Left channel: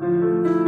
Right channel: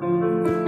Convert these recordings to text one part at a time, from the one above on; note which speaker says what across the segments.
Speaker 1: thank mm -hmm. you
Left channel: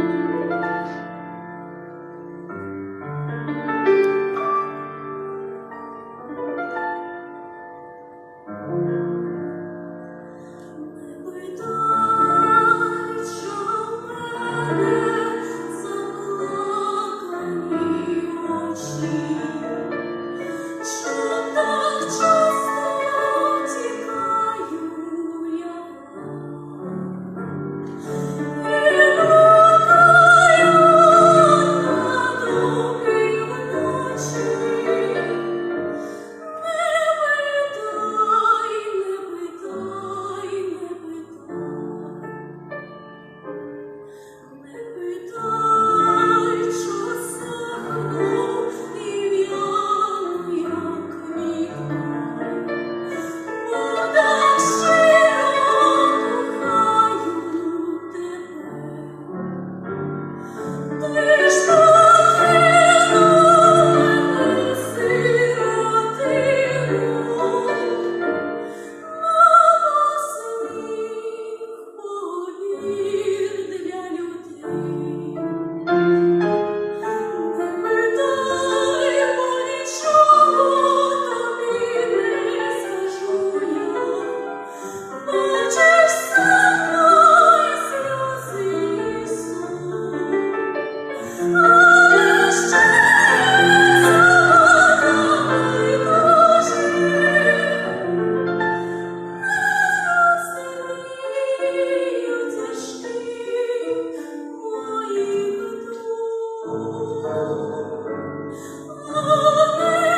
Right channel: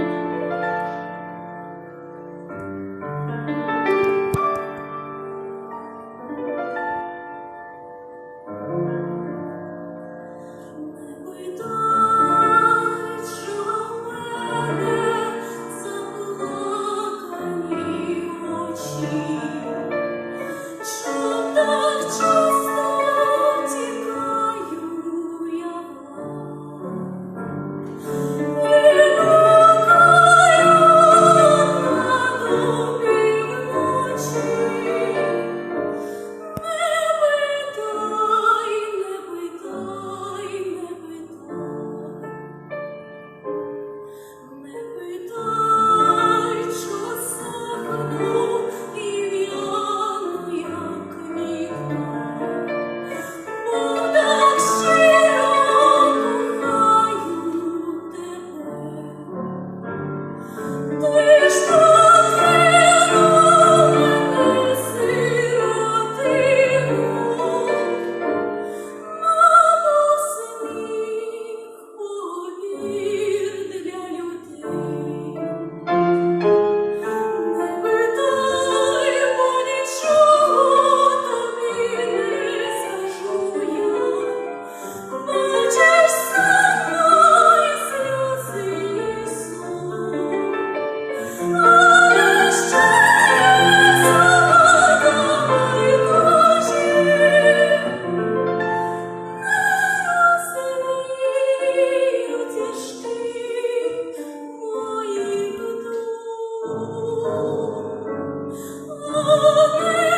Speaker 1: Oh. Mm -hmm.